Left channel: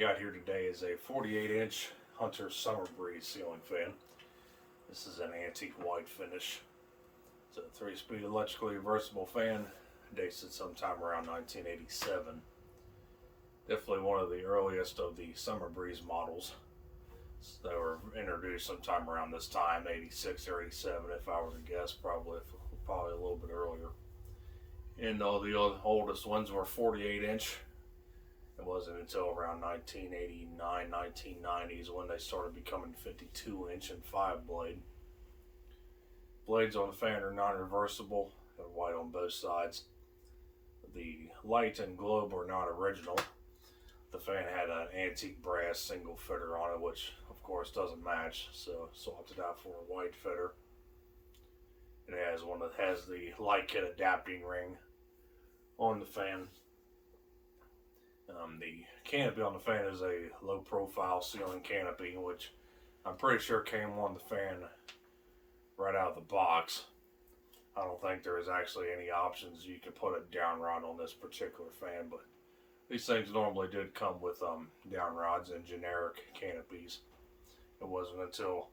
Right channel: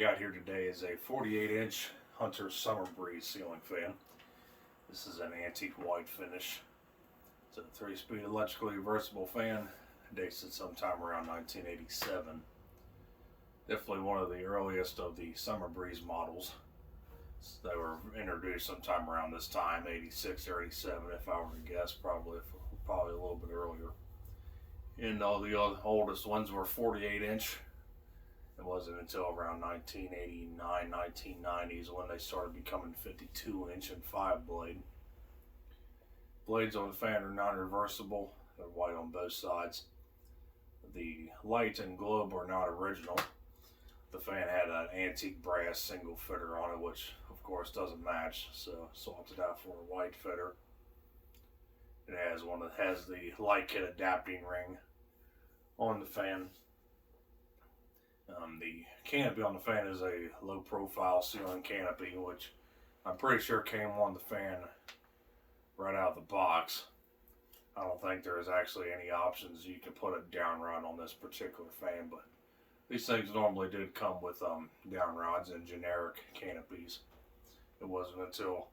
got here today is a 48-inch Hunter Summer Breeze ceiling fan. This is an antique white finish. It's a 3-speed electrically reversible fan. Dates it sometime around 1987. Definitely one of the earliest of the Summer Breeze models. They were introduced sometime around this time, 86 or 87 if I were to guess, probably a little bit earlier. And all the oldest ones were 48-inch. It wasn't until around 1989, 1990s when they started becoming 52-inch and 5-blade. Blades on the fan are non-reversible. They're white on both sides. The light and globe are not original. The fan had an antique brass single fitter on it, which of course doesn't match, so swapped it out for a white fitter. It has the light kit adapting ring on the fan. The canopy on the fan is a low profile ceiling canopy, which I'm pretty sure came on the fan right out of the box. I don't think there's actually any options you can put a down rod on this particular fan, but these things normally did come with down rods and generic canopies. It wasn't until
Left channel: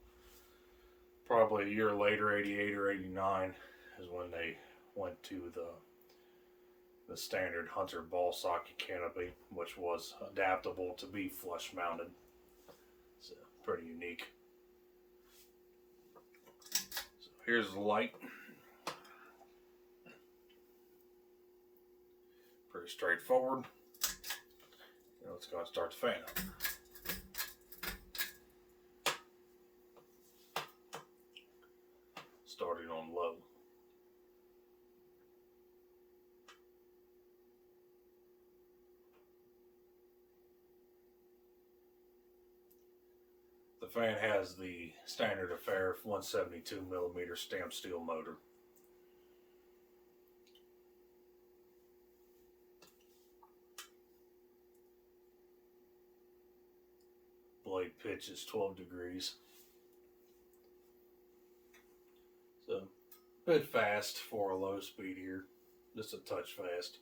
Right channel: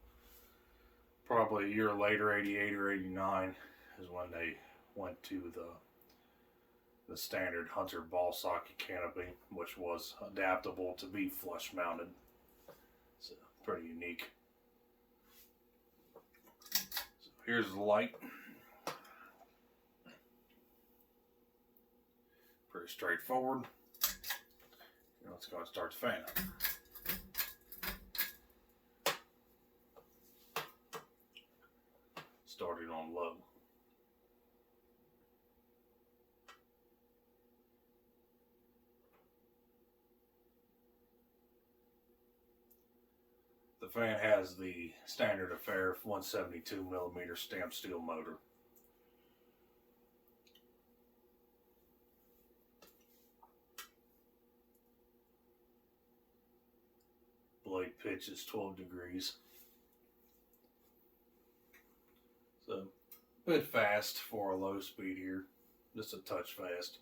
probably a year later, 88 or 89, is when they went to the standard Hunter ball socket canopy, which was adaptable to be flush mounted. So pretty unique. So here's the light. Pretty straightforward. Now let's go and start the fan up. Starting on low. The fan has the standard affair 172mm stamped steel motor. Blade pitch is 12 degrees. So, a bit fast for a low speed here. Just a touch fast.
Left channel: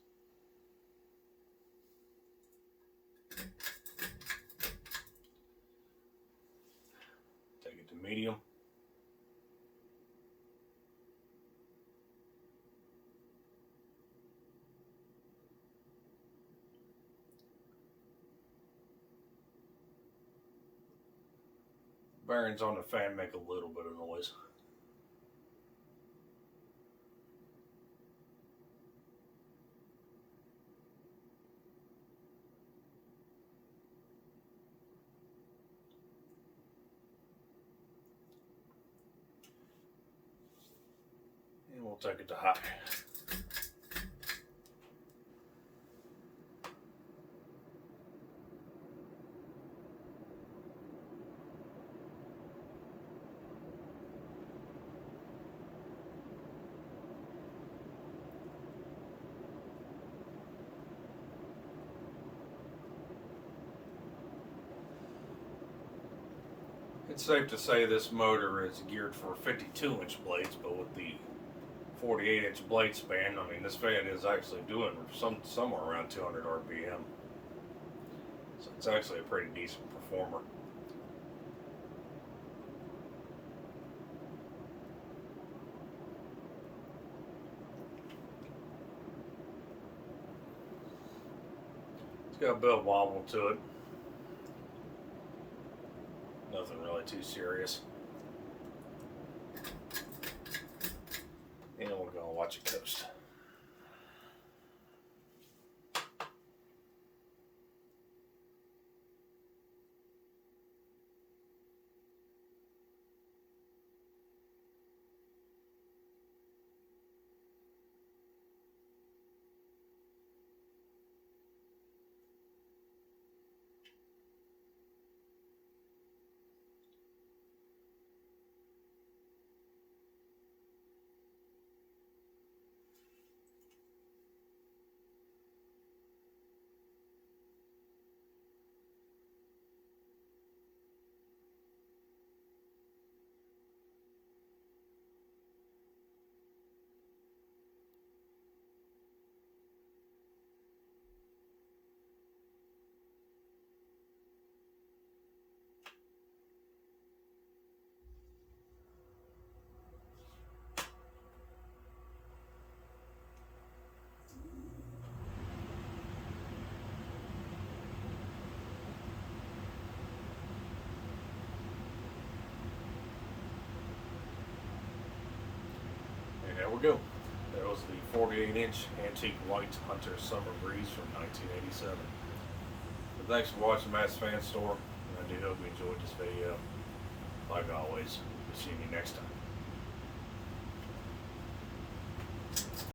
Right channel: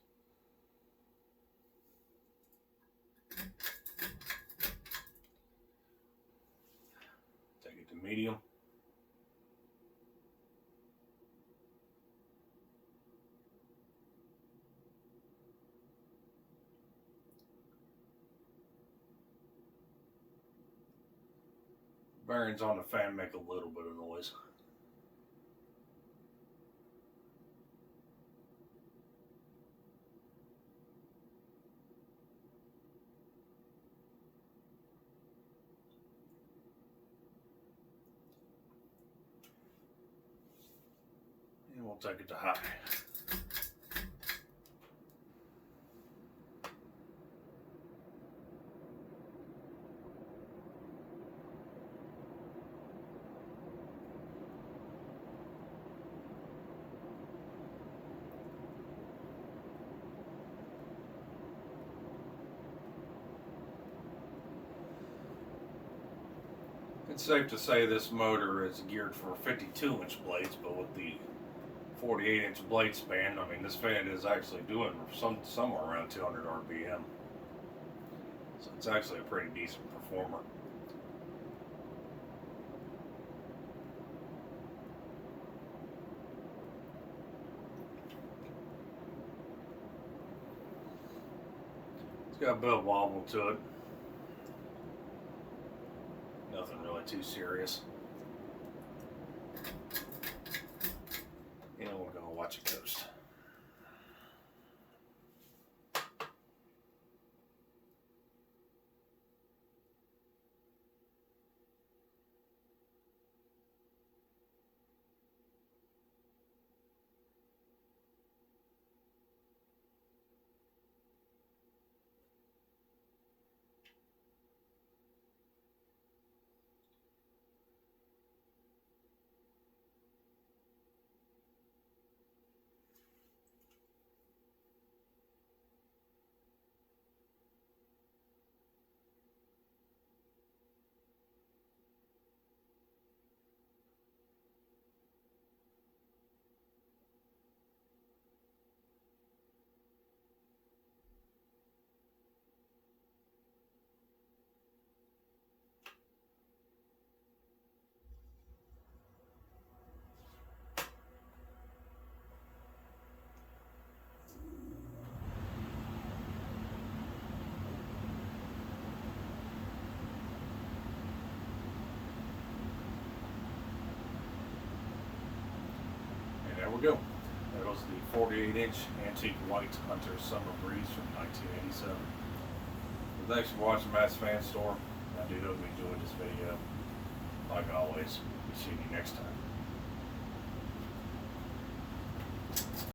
Take it to medium. Bearings on the fan make a little bit of noise. And we'll take it to high. It's safe to say this motor is geared for 52-inch blades, but with the 48-inch blade span, I mean, this fan is actually doing somewhere around 200 RPM. So it's actually a pretty decent performer. It's got a bit of wobble to it. Nothing really too serious. And we're going to watch it coast. we go. That was the 48-inch antique white Hunter Summer Breeze from 1987. But thanks for watching Matt's Fan Store. I do hope you enjoyed this video. Like always, we'll see you next time.